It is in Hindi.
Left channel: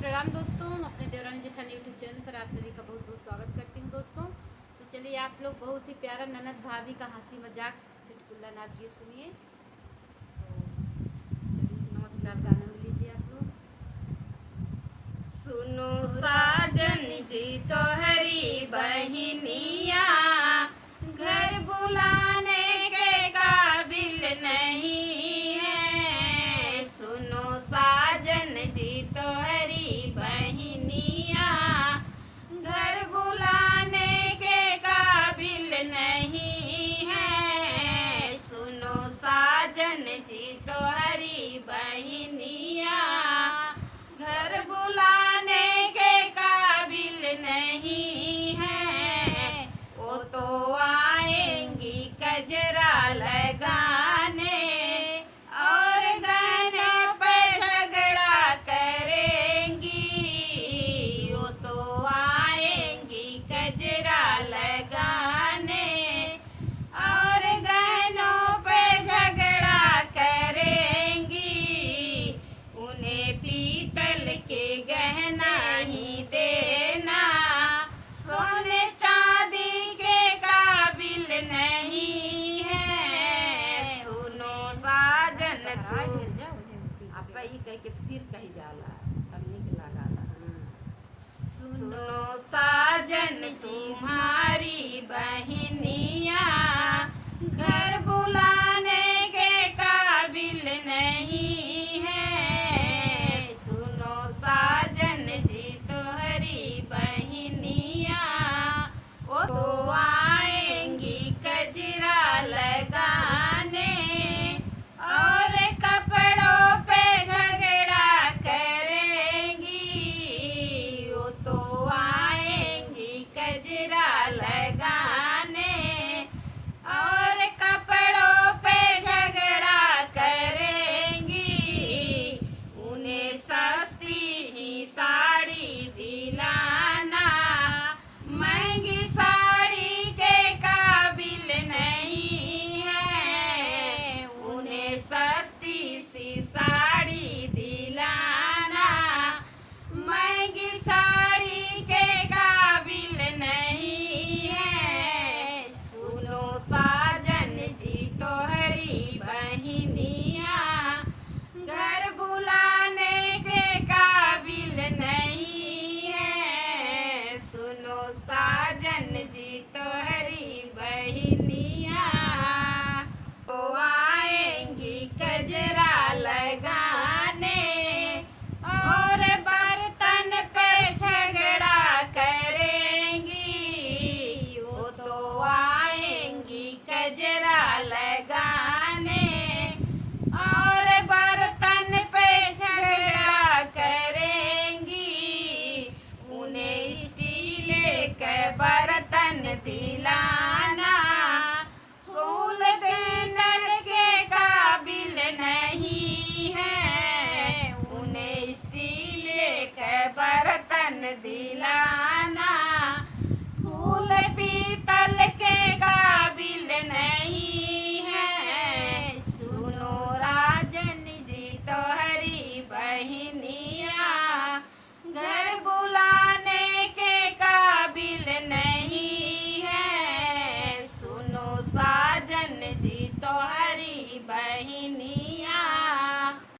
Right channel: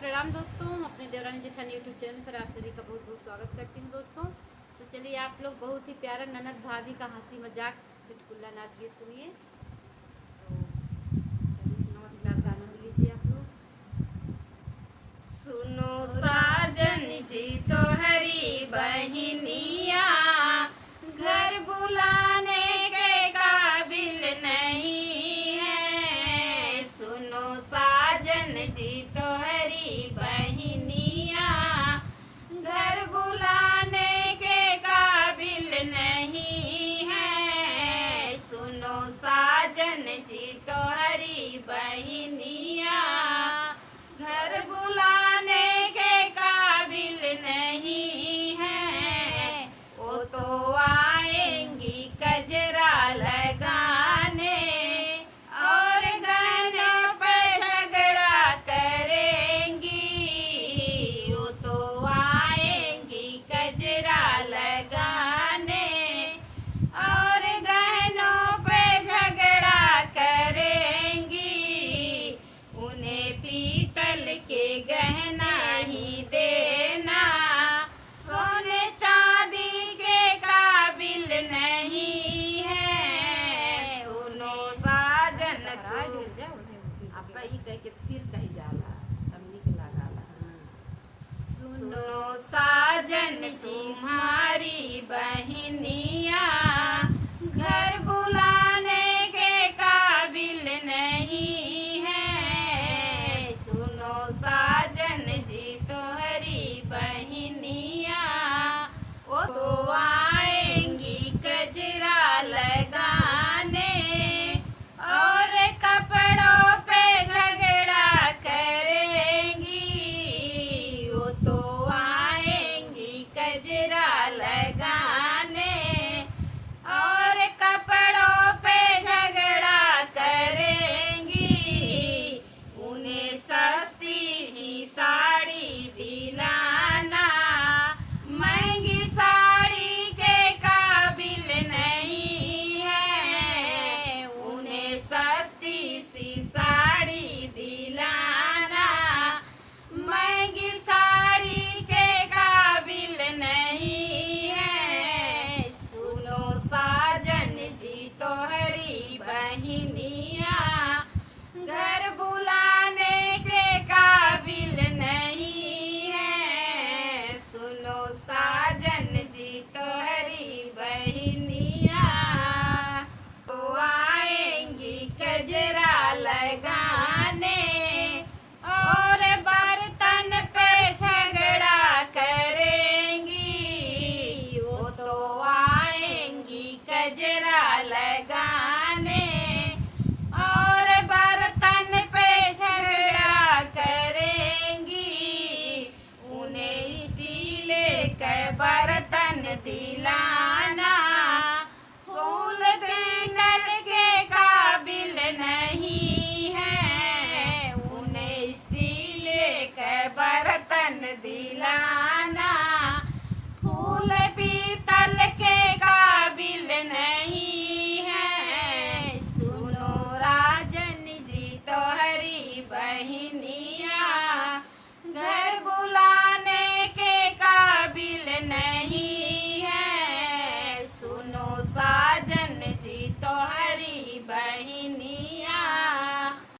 प्रणाम दोस्तों। अपने देवरानी जेठानी यूट्यूब चैनल पर आप सभी का बहुत बहुत स्वागत करती हूँ दोस्तों। तो चलिए आप लोग बहुत ही प्यारा ननद भाभी का हंसी मजाक चुटकुला नाच गीत सुनिए। तो चलिए नमस्कार का आनंद लीजिए आप लोग। सुनो साजन जी तो हरी बहनिया घर बुलाने के काबिल नहीं है। सुनो साजन जी तो हरी बहनिया घर बुलाने के काबिल नहीं है। सुनो साजन जी तो हरी बहनिया घर बुलाने के काबिल नहीं है। वो तो आएंगी कजरा लगाने और गाने पर झगड़ा करेंगी। वो तो आएंगी कजरा लगाने और गानों पे झगड़ा करेंगी। उन्हें पीतल के गहना ही देना, सोने चांदी के काबिल नहीं है। सुनो साजन आप ही कह के फिर कही जाला तब निक लगाला। सुनो साजन तुम्हारी बहनिया घर बुलाने के काबिल नहीं है। सुनो साजन जी तो हरी बहनिया वो तो आएंगी कजरा लगाने और कपड़ों पे झगड़ा करेंगी। वो तो आएंगी कजरा लगाने और कपड़ों पे झगड़ा करेंगी। उन्हें सस्ती ही साड़ी दिलाना महंगी साड़ी के काबिल नहीं है। उन्हें सस्ती सी साड़ी दिलाना महंगी साड़ी के काबिल नहीं है। सुनो साजन जी तो हरी बहनिया घर बुलाने के काबिल नहीं है। सुनो साजन जी तो हरी बहनिया तो आएंगी कजरा लगाने और बर्तन पर झगड़ा करेंगी। वो तो आएंगी कजरा लगाने और बर्तन पे झगड़ा करेंगी। उन्हें स्टील के बर्तन दिलाना फूल देने के काबिल नहीं है। उन्हें स्टील के बर्तन दिलाना फूल पीतल के काबिल नहीं है। सुनो राजन जी तो हरी बहनी